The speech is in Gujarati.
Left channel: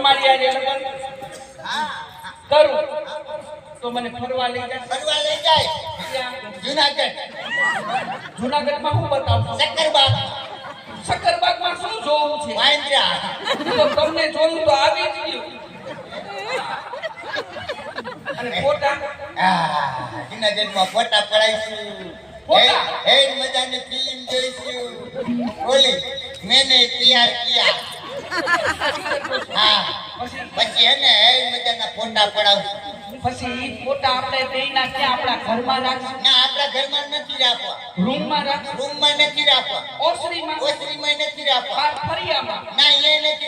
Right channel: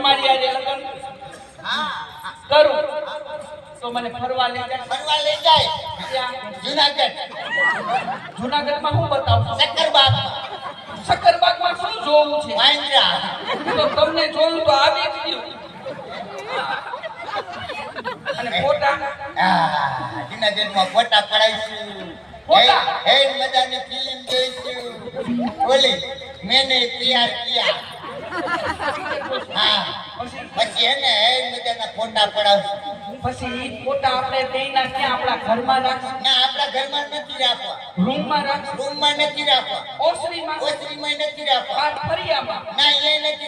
તમારી આજે લગન કરું તો મને ફરવા લઈ જાય. ફરવા લઈ જાય જુનાગઢ. જુનાગઢમાં હું બતાવું? શક્કરબાગમાં શું જોવું છે? મહેન્દ્રા. તો તમને જોયું તો આવી જ ગયું. અને ફોટા જુનાગઢમાં ફોટા પડાઈશું. ફોટા? હે મજાની ફિલ્મ જોઈશું. બોલી મેને તૈયાર કિયા. હા પછી એને હે મજાના ફોટા પડાવશું. પછી ઈ ફોટા આપણે બેયના ક્યાં આપણા ઘરમાં રાખશું? ના આપણા ઘરમાં નથી રાખવા. રૂમમાં રાખશું? રૂમમાં નથી રાખવા. ઓસરીમાં? ઓસરીમાં નથી રાખવા. ફરિયામાં? ના એ નથી